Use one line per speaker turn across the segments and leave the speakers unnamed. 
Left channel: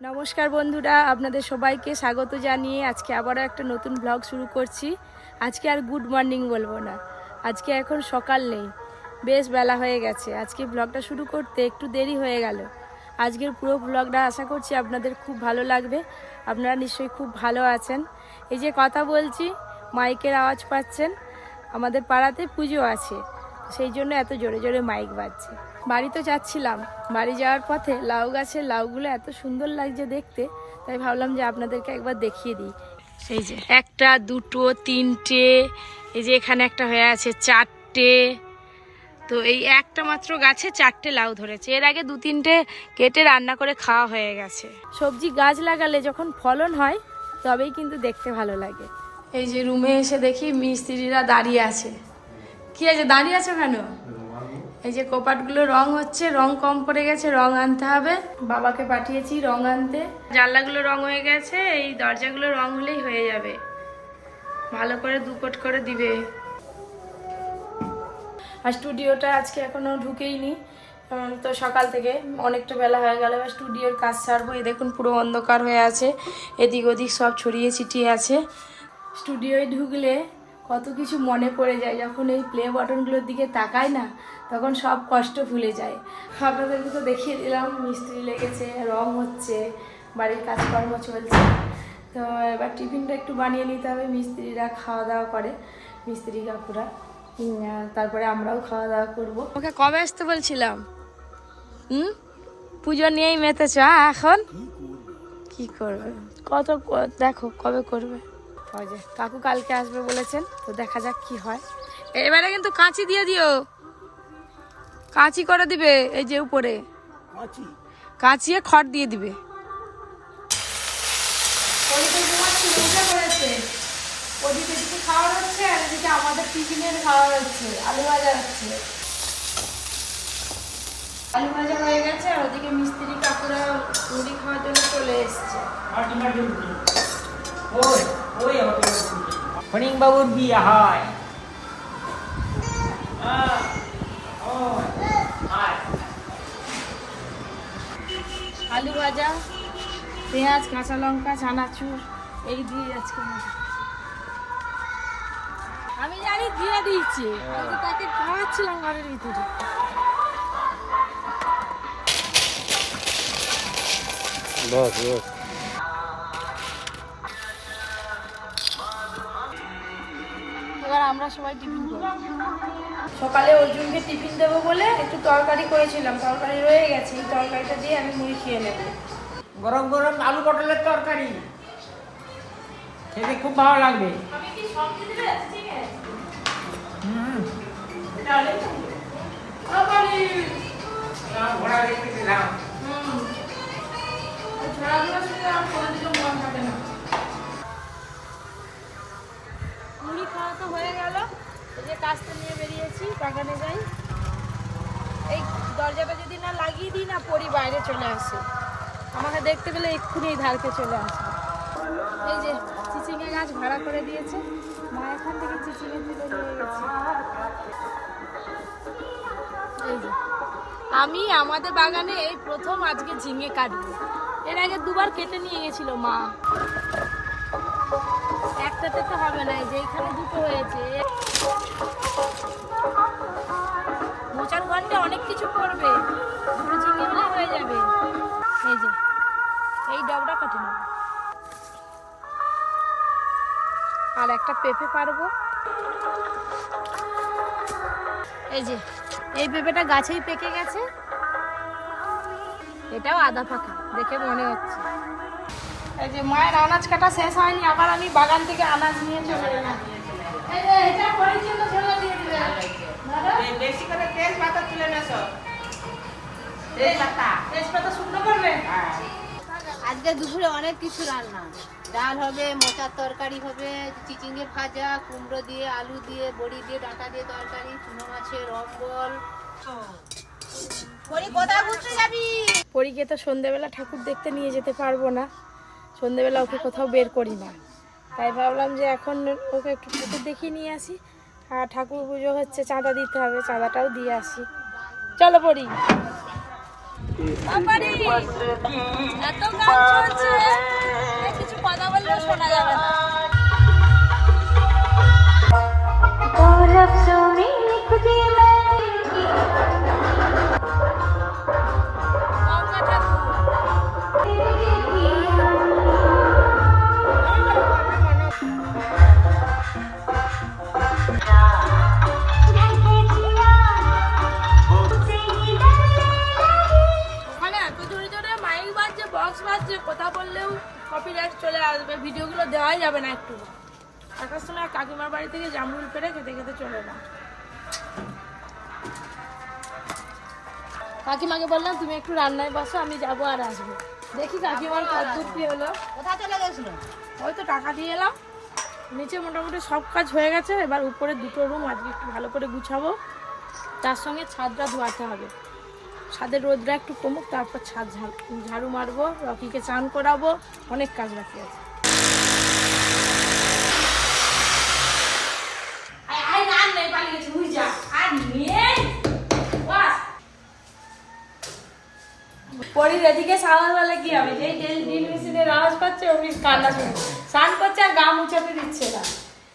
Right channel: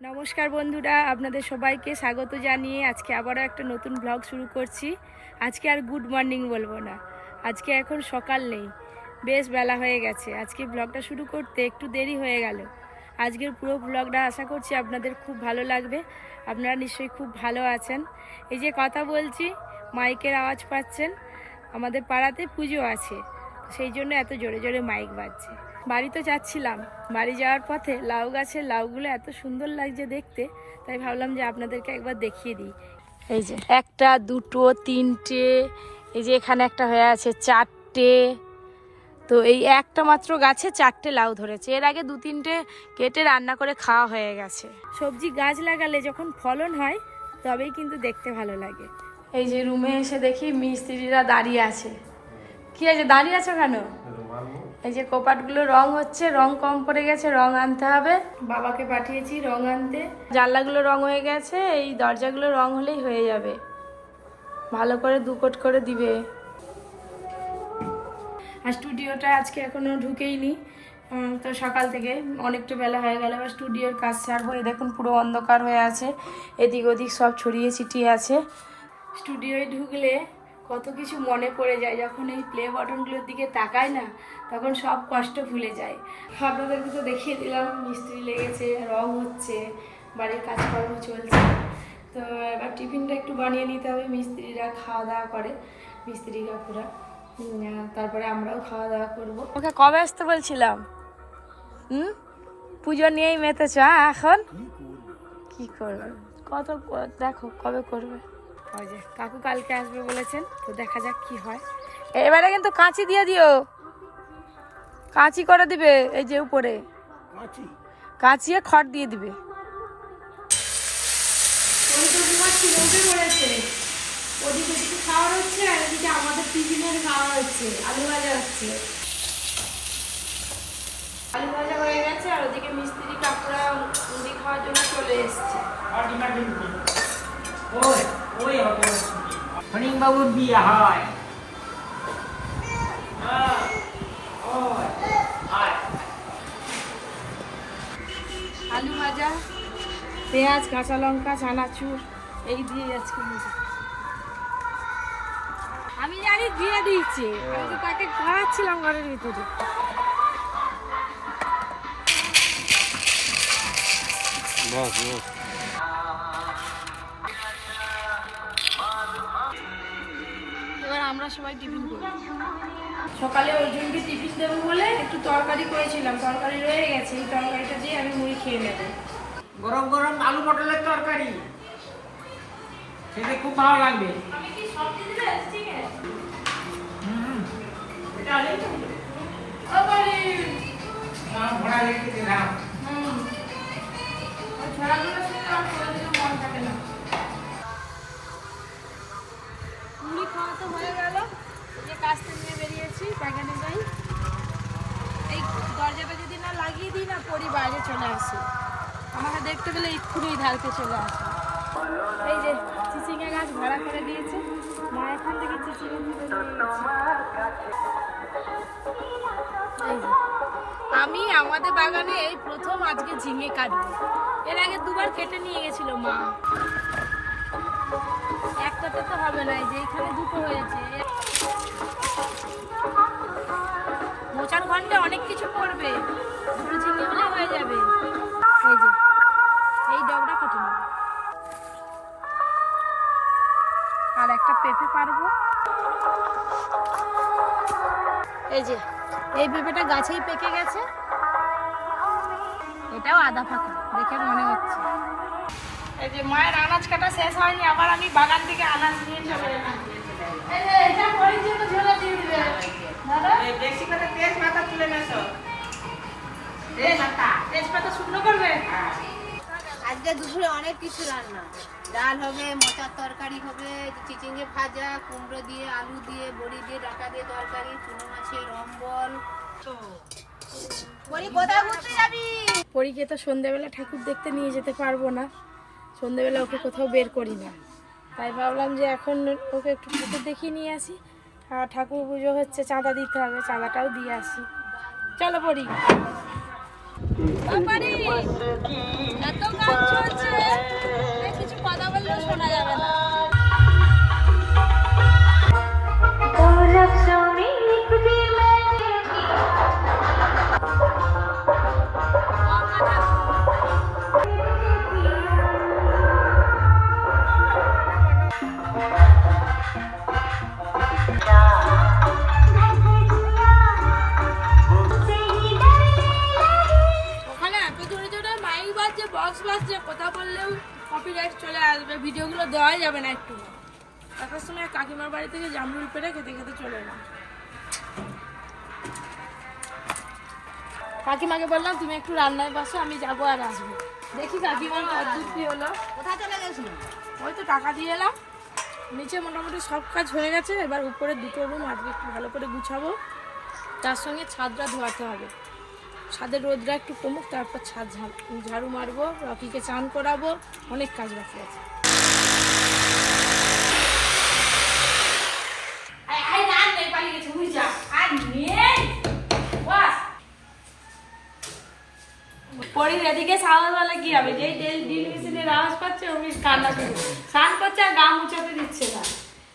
নমস্কার বন্ধুরা, আপনাদের সবাইকে স্বাগত জানিয়ে আজকে আবারও একটা নতুন ব্লগ শুরু করছি। আজকে আর গুড মর্নিং বলব না। আজকে এখন সকাল নেই, বেশ বেলা হয়ে গেছে। আজকে ব্লগটা শুরু করতে একটু দেরি হয়ে গেল। আজকের পুরো ব্লগটা আশা করছি আপনাদের খুব ভালো লাগবে। আপনারা নিশ্চয়ই খুব ভালো আছেন। এই যে কথা বলছি, মাইকের আওয়াজ পাচ্ছেন। আমাদের পাড়াতে পুজো আছে, সেই জন্য এত জোরে জোরে মাইক বাজছে। বাড়ি তো যাচ্ছিলাম। বাড়ি যাওয়ার পথে লাউ গাছের লাউগুলো এত সুন্দর লাগছে দেখতে তাই ভাবলাম যে আপনাদেরকে একবার দেখিয়ে দিই। এই যে একটা দুটো তিনটে এই যে এখানে একটা হয়ে আছে চারটে। তো এই একটা মাত্র গাছে চারটে লাউ ধরেছে। এর আগে দু তিনটে কেটে রান্না করে খাওয়া হয়ে গেছে। সবজি গাছ লাগালে যখন ফলন হয় তবেই কিন্তু দেখতে ভালো লাগে। এই যে রুমে এসে দেখি মিস্ত্রিরা দাঁড়িয়ে আছে। কি আছে? দাঁড়িয়ে আছো কেন? এই যে কোপাটগুলো রং হচ্ছে রং কম পড়ে গেছে রং আনতে হবে। বাবাকে পাঠিয়েছি রং আনতে। জানলাগুলো রং হয়ে গেছে এই দরজাগুলো রং হলেই হয়ে যাবে। ভালো করে দু কোট করে দিবে। আর স্টুডিওটা আজকে এখনও ঢুকেইনি তো সকাল থেকে অনেকটা বেলা হয়ে গেল এবার স্টুডিওর কাজ ছাড়বো এই দেখুন পুরো অন্ধকার হয়ে আছে এদিক ওদিক সব ছড়িয়ে ছিটিয়ে আছে। স্টুডিওয় ঢুকলে কত কিছু মনে পড়ে যায় যখন এই প্লে বাটনগুলোর দিকে তাকায় না তখন সব কষ্ট ভুলে যায়। আপনাদেরকে তো দেখিয়ে দিলাম, মিস্ত্রি লেগেছে, রং হচ্ছে, বাড়ির কাজকর্ম চলছে। তো এবার টিফিনটা একটু বানিয়ে নিতে হবে, মিস্ত্রিরা খাওয়া দাওয়া করে, মিস্ত্রি কাকুরা। তারপরে আমরাও খাওয়া দাওয়া করব। ওকে কবে আসতে বলছিলাম? হুম? পুজো নিয়েই মেতেছ এখন? কি করবে? কত দেখো, কবে করবে? কাকু কালকে আসবে বলেছেন, তো দেখা যাক কি হয়। এবারে কিন্তু কাঁচি দিয়ে দিও। কাঁচি করে দিবে এই যে উপরে। কাঁচিয়ে খড় দিয়ে দিবে। ওদিকে খাওয়া হচ্ছে আর এদিকে আমাদের টিফিনের খাওয়া হচ্ছে আলু ভাজা হচ্ছে। আলু ভাজা হয়ে গেছে আর ওদিকে মিস্ত্রি কাকুরা মুড়ি খাওয়ার জন্য চলে এসছে।
বাবুর বিয়ে হয়
আলু ভাজা পেঁয়াজ কাঁচা লঙ্কা চানাচুর এই দিয়ে আজকে আমি জানি দিয়ে দিয়েছি আমি তো তাকে খাওয়াচ্ছিলাম ঘরের ভিতরে।
বস বস
এবার আমরা সবাই টিফিন করব। সকালে অর্জুনকে টিফিন দেবো বলে একটু তরকারি করেছিলাম তরকারি রয়ে গেছে এই তরকারিটা দিয়ে আমি মুড়ি খেয়ে নেব
গরম গরম আলু পটলের তরকারি খেতে খুব ভালো লাগবে
মুড়ি খাওয়া তো হয়ে গেল এই যে কাজটা নিয়ে বেরিয়েছি বাগানে যাই। এই দরজাটা যদি না লাগিয়ে দিই না, পরি বাইরে চলে আসে। আমাকে দেখতে পেলে এক্ষুনি ধারকে চলে আসে। এই যে চিচিঙ্গা গাছ ভাড়া করে দিয়েছে। মা এখান থেকে চিচিঙ্গা তুলে নিয়ে আমি আমাদের বাগানে এই প্রথম আজকে ঝিঙে কাটবো। এর আগে দুবার কেটে নিয়ে গেছিল মা। একটাতে তো হবে না, এই যে এখানে দুটো ঘন্টে অনেক কিছু করবে। দুটো ঝিঙে হলে হয়ে যাবে। এই যে, এই ডবটা নেব। আর একটা পেঁপে পারব। এই যে, এই পেঁপেটা গাছেই পেকে গেছে। এটাও আদা পাকা দেখে মনে হচ্ছে। এই যে, মায়ের আনাজ কাটা শেষ হয়নি, আবার আমি বাগান থেকে আনাজ নিয়ে চলে
তেজপাতা
শুকনো করবে?
আজকে দুপুরে অনেক কিছু রান্না। ডাল হবে মোচার তরকারি হবে চিচিঙ্গে ভাজা কুমড়ো দিয়ে আলু দিয়ে বড়ি দিয়ে ডাঁটা দিয়ে তরকারি চুনো মাছের অম্বল।
পরীকে তো সন্ধেবেলা ঠাকুর দেখতে নিয়ে যেতে পারব না। সন্ধ্যেবেলা ওকে কোথাও বের করি না। তাই ভাবলাম যে এখন ওকে একটু ঠাকুর দেখিয়ে নিয়ে আসি। আর ঠাকুর পুজো হচ্ছে চাঁদা দিতে হবে চাঁদাটাও দিয়ে আসি। চলো পড়ি এত গান চলছে কিছু কথা বললেও শোনা যাবে না। দেওয়াই যাবে না একটু আসার সময় কাকিমার বাড়ি থেকে জামরুল পেড়ে খেতে খেতে চলে এলাম। কাকিমাকে বললাম তুমি একটু রান্নায় বসো আমি যাব আর আসব। দেখি কাকিমার কদ্দূর কি হলো।
কোথায় চলে গেছিলেন
ওই তো টাকা দিয়ে এলাম। নিচে মোটামুটি সব কাজ হয়ে গেছে। এবার উপরে দুটো রুম আজকে একটু ভালো করে গুছাবো। তার সঙ্গে ছাদটা ধোয়াতে হবে। ছাদের রোদটা একটু কমুক তারপর ছাদ ঝাড়- ঝাড়ু মারবো রকিকে চান করাবো অনেক কাজ বাকি আছে। পরির এদিকে সাওয়াল বলে কি হবে যেই ডেল ডিল মেশিনের আওয়াজ পাচ্ছে ওমনি কান্না শুনে স্নান করছে আর গা মুছাতে দিচ্ছে না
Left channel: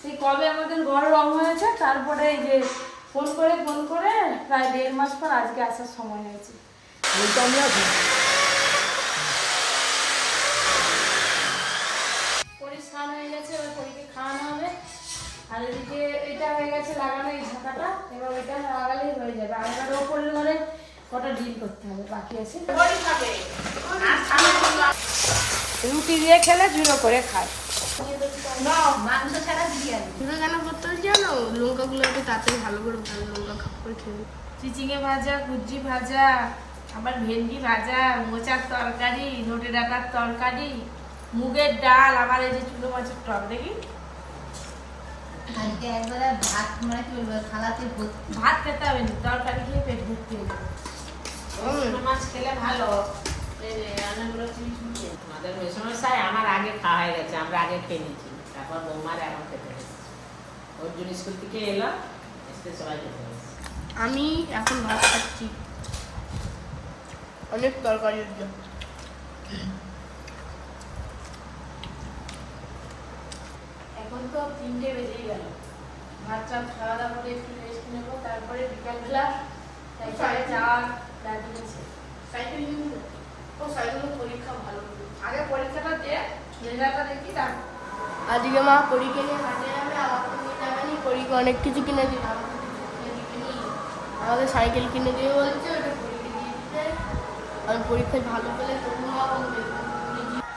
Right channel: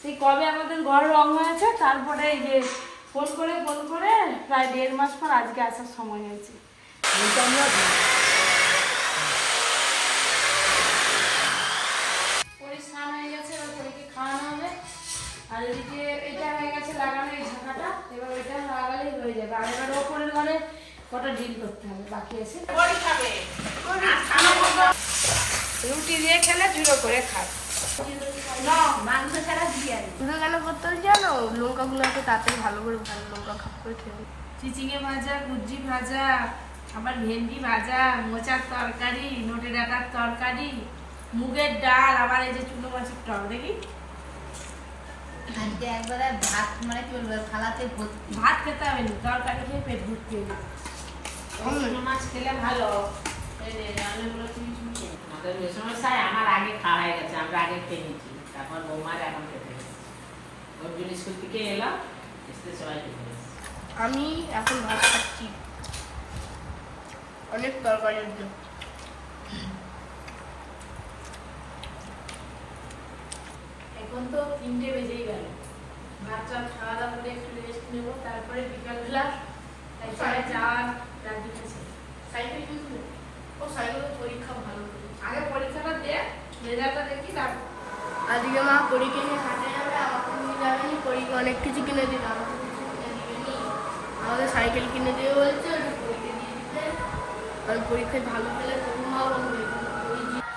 সেই কবে আমাদের ঘর রং হয়েছে তারপরে এই যে ফোন করে ফোন করে প্রায় দেড় মাস পর আজকে আসার সময় হয়েছে পরি স্নান হয়ে গেছে এবার পরীকে খাওয়ানো হবে আর এদিকে এটা হয়ে গেছে লাগানো এই ঢাকাটা এবং এটা লাগালেই হয়ে যাবে। আর এবার ওপরের ঘরে কটা ডিল করতে হবে বাকি আছে? রুটি দিয়ে খেলে ঝুলো করে খায়। লঙ্কাগুলো একটু তাড়াতাড়ি ভালো করে ভালো লঙ্কা খাপ করে চিচিঙে ভাজা ভাজা আবার ভেন্ডি ভাজা মোচার তরকারি নোটে ডাটার তরকারি মুগের ডাল আবার এই যে চুনো মাছের টক দেখি?
আজকে একবারে ভাত মানে কি বলব থালাতে ভর্তি
ভাত খেতে হবে না তরকারি খেয়ে পেট ভর্তি হয়ে যাবে।
মাছ খেলে ভালো। এই যে রান্নাগুলো চিনি চিনি আমাদের মেসমশাই আমার আগে খাওয়া হয়ে গেছে আমরা আগে খেয়ে নিচ্ছি তারপর বৌমার এখন খেতে ওর জন্য স্কুল থেকে এলাম এসে সবাই খেতে
আমি এখন ভাত খাচ্ছি। অনেক তরকারি এখন তো তিনটে বেজেই গেল। ভাত খাওয়া দাওয়া করে একটু রেস্ট নেব তারপরে বিকালবেলা সাইকেলে যাওয়ার প্ল্যানিং আছে সাইকেল কিনবো ও সাইকেলের পরীক্ষা ভালো আগে পরীক্ষাটা দে রেজাল্টটা দেখি তারপর
আজকে মা পরীকে নিয়ে হাঁটে যাবে আমাকে নিয়ে যাবেনি পরীকে অনেক কিছু কিনে আমাকে দিবেনি আমাদের সাইকেল কিনে দেবে বলছে ওটা পরীকে দিয়ে দিতে। আমি পরীক্ষায় ভালো পেলে তবু মা বলবে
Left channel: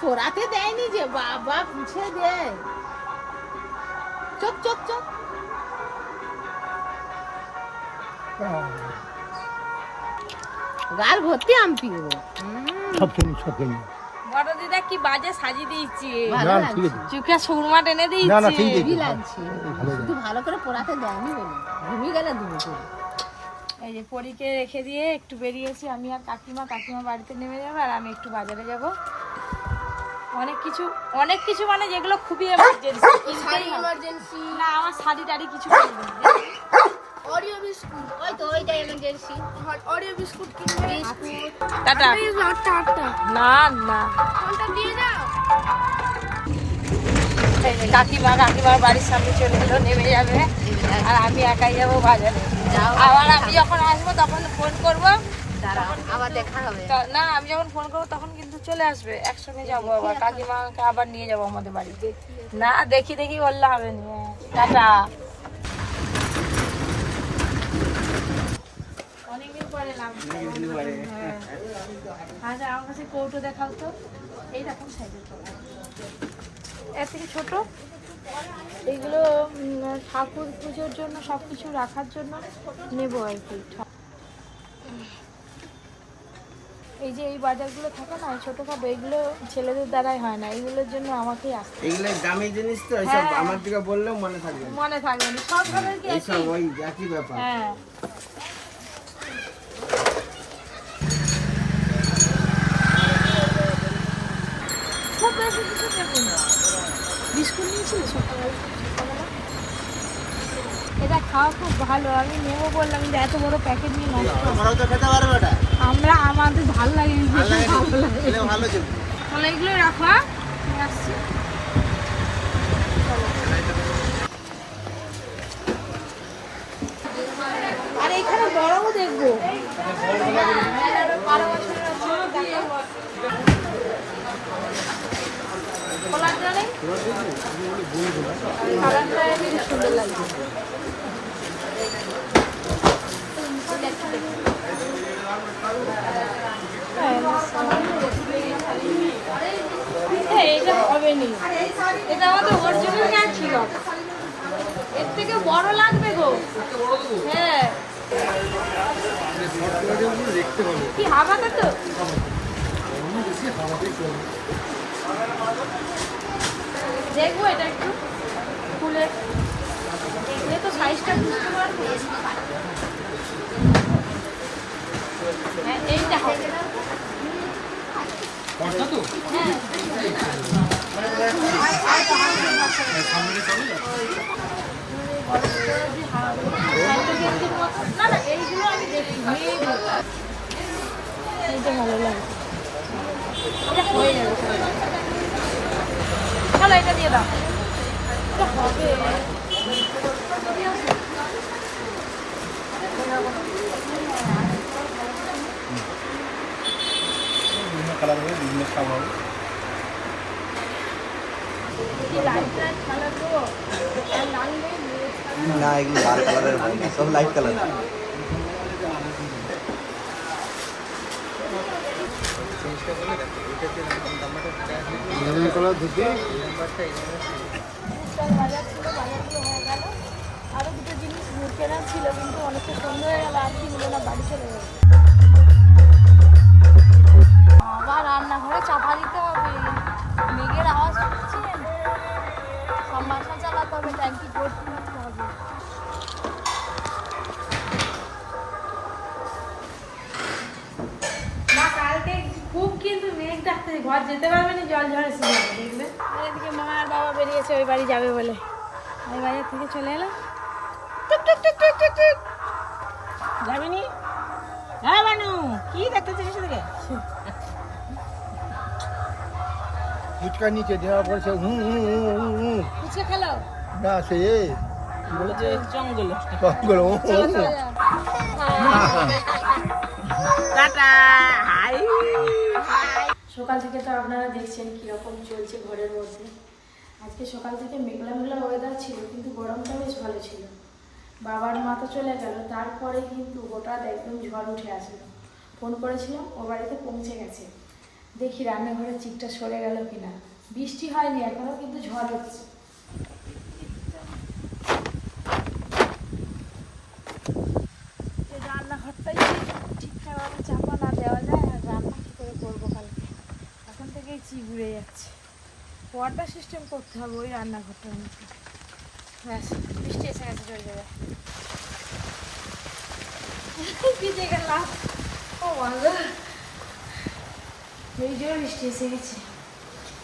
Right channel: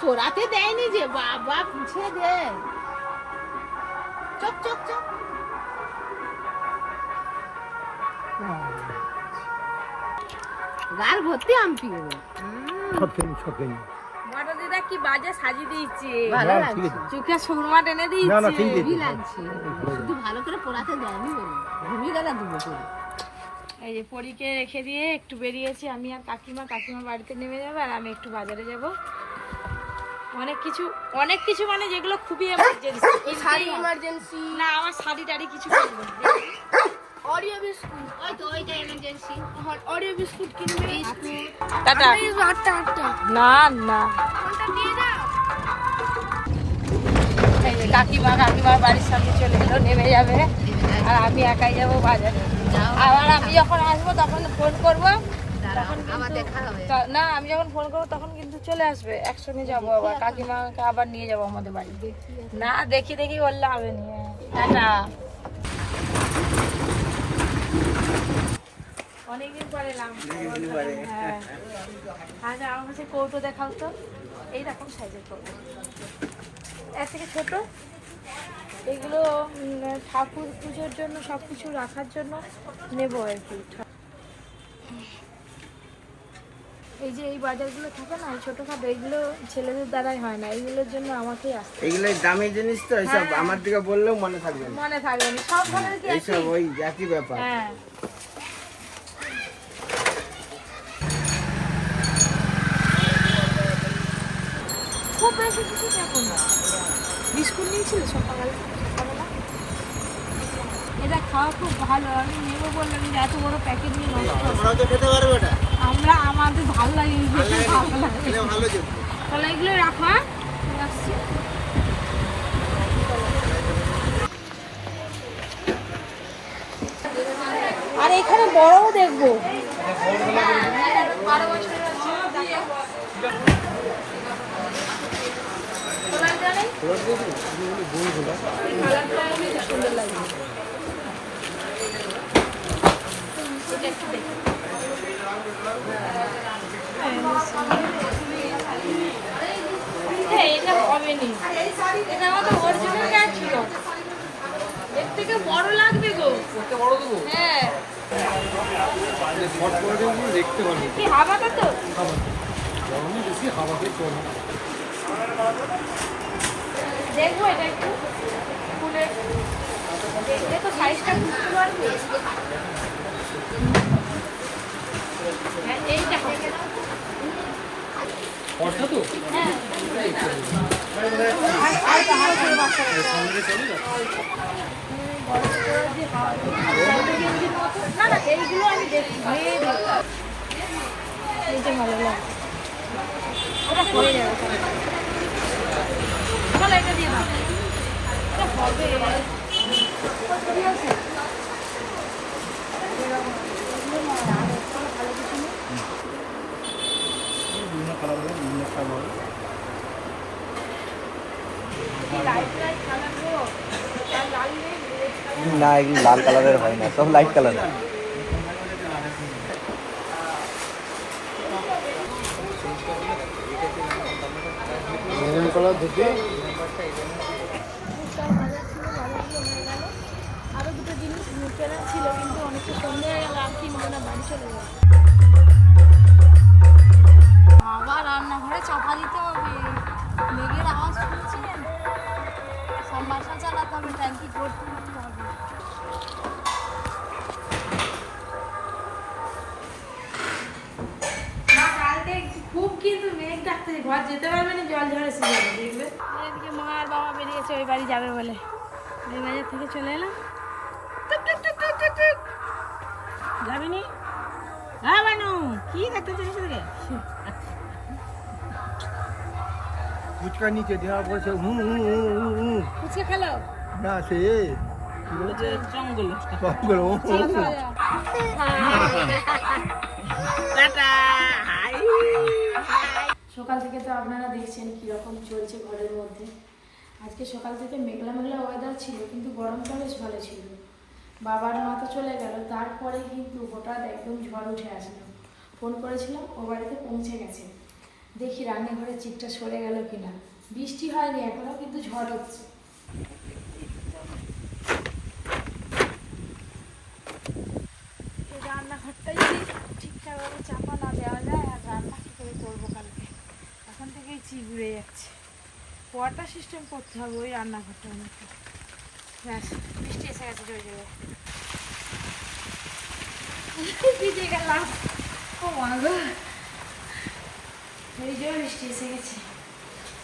পরীকে
দেয়নি যে বাবা পুছে দে। চুপ চুপ চুপ। গাল ভর্তি
বড় দিদা কি বাজে সাজিয়ে দিয়েছে। চোখে সুরমা টেনে
না না
দিয়েছে
হেভি লাগছে। শুধু ভালো করে পোড়াতে দেয়নি বলে। ঘুমিয়ে গেলে দুটো করে।
এই যে পরীকে রেখে দিয়ে একটু বেরিয়েছি। আমি আর কাকিমা কাকিমা বাড়িতে নেমে যাবে আর আমি একটু বাজারে যাব। অনেক কিছু অনেক কিছু মানে যেগুলো খুবই এমার্জেন্সি
শাড়ি ইমার্জেন্সি
না আমার শাড়ি টাড়ি কিছু
অরিও বিস্কুট
ওই তো ওইটা এমার্জেন্সি
অরিও বিস্কুট কিনবে
টাটা।
আটটা
না না।
কোনটা দিয়ে দাও।
এই যে কাকিমা কাকিমার বাড়ির সামনে চলে এলো নেমে যাবে। আর আমি একাই যাব বাজারে। আবার আমি যখন আসব তখন ফোন করব। না আমি যখন ফোন করব তখন কিন্তু চলে আসবে। একসঙ্গে যাব আবার কাকিমাকে আবার নিয়ে যাব আমাদের বাড়ি। না দেখি দেখি বললে হবে নি। হ্যাঁ। টাটা। অনেকদিন পরে এলাম হ্যাঁ। আচ্ছা আমার কাছে কৌটো দেখাও তো। এই রকম সাইজের কৌটো? এর থেকে ছোট? এগুলো ঠাকুর পুজোর জন্য সব কিছু রাখার জন্য নেব আর কি। এই যে এই বাজারগুলো থাকে না ছোটখাটো এগুলো ছেলেদের দ্বারাই হয় না এগুলোর জন্য আমাকেই আসতে
এগুলো দামি জিনিস তো এইসব
হ্যাঁ।
আমার দিকে বললেও মনে থাকবে
মনে থাকবে সব
এইসব ওই একই ব্যাপার।
হ্যাঁ। খুব বেশি কিছু দেখুন না। বিস্কুট নিয়েছিলে সকালবেলা? এটা খাওয়া খুব ভালো আমি নেব বললাম যে এত বড় প্যাকেট নিয়ে নষ্ট
খেতে পারবে না।
আমরা আমাদের ভালো লাগে ভালো লাগে।
তাহলে
এগুলো রাখো হ্যাঁ? আসছি। আর এখানে বড়ও দেখব। এটা হবে নি এটা আমাদের অরিজিনাল গাছ ছিল এর থেকে বড় লাগবে গো হ্যাঁ
দেখতে ভালো
কি হাবাতে তো
গরমই বেশি হাওয়াতেই কম
দেখব এটা একটু। খুলে দেখলে তো সাইজটা বুঝতে পারব। হ্যাঁ, এইটা হবে দেখি এইটা ভালো লাগে চলো এটা দিয়ে দাও
কালার হবে বিভিন্ন কালার হবে।
না এগুলো লাল কালারের হয় না সব light colour
maroon colour dhoti.
আরও দুটো জিনিস কেনা ছিল কিন্তু অনেকটা সুন্দর হয়ে গেল আর কিনবো না বাড়ি চলে যাব। আবার রান্নাঘরে চাপা দিতে হবে। মেঘের আওয়াজ শুনছেন? সব মাথা চালাতে হবে ট্যাঙ্কি ভর্তি করতে হবে। খুব কিন্তু মেঘ ডাকতেছে ঘর যেতে পারবে না জল ঝরেছে দেখবে এদিকে মা আর বাবা বেরিয়েছে ওই বাড়ি যাবে বলে। আমি বাজার থেকে চলে এলাম। টুক টুক টুক টুক টুক টুক। যাবি নি? হ্যাঁ বানু কি দেখতে চাইছিস তোকে
ফুচকা নিচে দেওয়া বলছে হুম হুম হুম হুম হুম
ফুচকা খেলো
না সে
জঙ্গল। Tata hi.
সকাল থেকে তো আপনারা দেখছেন কীরকম চলছে ঘরের মধ্যে। আজকে সকাল থেকে মেঘলা মেঘলা ওয়েদার ছিল কিন্তু গরমটা বেশ ভালো ছিল। বাবার মা তো চলে গেল তারপরে কিন্তু হঠাৎ একদম ঝড় উঠে আসলাম ফোন করেছিলাম ও বাড়িতে পৌঁছে গেছে। দেখি রান্নাঘরের চিটটা সরে গেল কিনা। বৃষ্টি হয়নি, এখনও কিন্তু ঝড় হচ্ছে। রান্নাঘরটাই ঠিকঠাকভাবে চাপা না দেওয়া যায়, আর রান্না কী করে করব কালকে? এখন থেকেই চিগুড়ে যাচ্ছে। ওয়াটার সিস্টেম করতে হবে ওই রান্নাঘরটার মধ্যে। ব্যাস, বৃষ্টি এসে গেছে, চলে যাবে। ভিজে গেলাম। ও মাগো ওই যে বৃষ্টি এসে গেছে।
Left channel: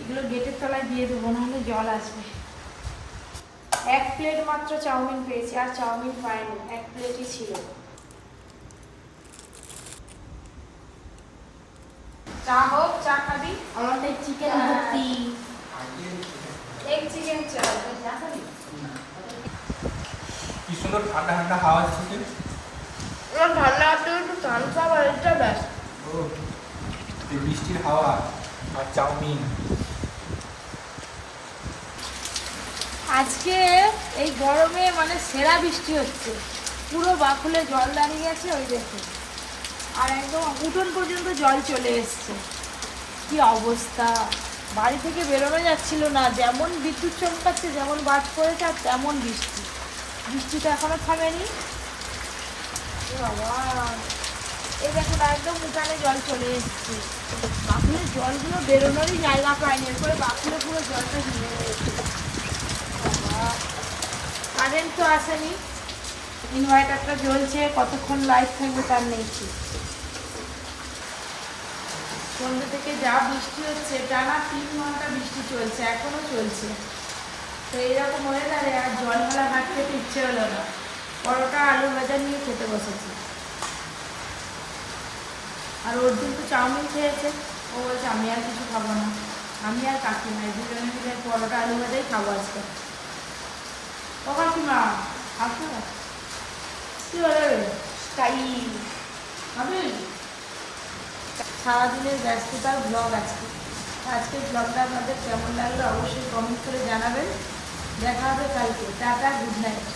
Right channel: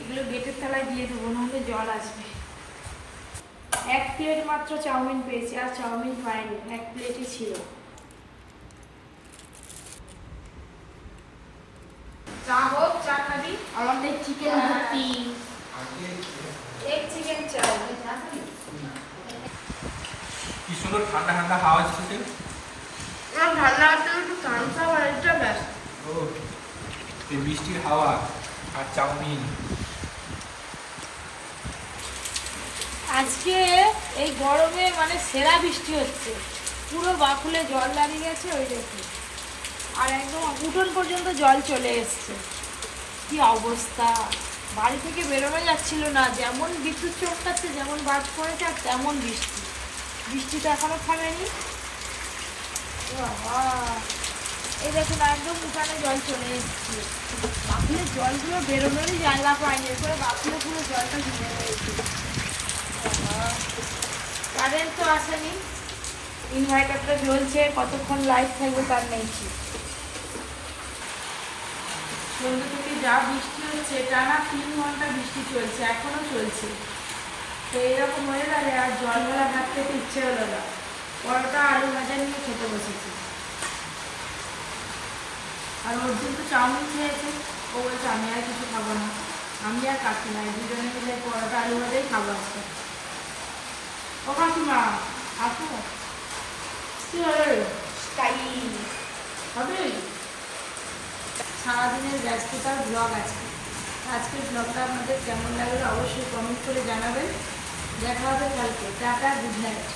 এগুলো গেটের তলায় দিয়ে দেবো নাহলে জল আসবে। এক প্লেট মাত্র চাউমিন পেয়েছি আর চাউমিন পাইনি এক প্লেটই ছিল। চা হোক চা খাবি।
আমাদের চিকেন ভর্তি।
এক চিকেন চাও
কি সুন্দর ঠান্ডা ঠান্ডা হাওয়া
আমার ভালো লাগছে একটু থামস
ও এই বৃষ্টির হাওয়া আর চাউমিন
আজকে এই গরমে মানে সেরা বৃষ্টি হচ্ছে। পুরো বাকুলে জল দাঁড়িয়ে গেছে ওই দেখে আর একদম উঠোন পর্যন্ত জল চলে এসছে। কি অবস্থা। বাড়ি থেকে বেরোনো যাচ্ছিল না। যেমন বিদ্যুৎ চমকাচ্ছে, যেমন বাজ পড়েছে, আর তেমন বৃষ্টি। বৃষ্টিটা এখনও থামেনি। বাবা। দেখুন, একদম উঠানে জল চলে বাকুলের জলগুলো বেরোনোরই জায়গা পায়নি, এরপরে বাকুলে পুরো জলটা রয়েছে। কারেন্ট তো আসেনি, ইনভার্টারটা জ্বলছে, কতক্ষণ লাইট থাকবে তার নেই সন্ধ্যে থেকে যা বৃষ্টি হচ্ছে, টানা তিন ঘণ্টা বৃষ্টি চলছে, এখনও চলছে। তো এইরকম হয়ে গেলে আর জল মেলা ভাত খেতে ইচ্ছে হলো না। পরোটা, আলু ভাজা নিয়ে খেতে বসেছি। আর অর্জুন তো চাউমিন খেয়েছে ও বলছে আমি আর কিছু খাব না। আমি আর কাকিমা এই দুজনে মিলে পরোটা আলু ভাতেই খাব আজকে। ও কাকিমা আসো। কি হলে হবে সারাদিনের ব্যস্ততার ব্লগ আজকে। আজকের ব্লগটা আপনাদের কেমন লাগল অবশ্যই কমেন্ট করে জানাবেন। দেখা হবে কালকে। Tata good night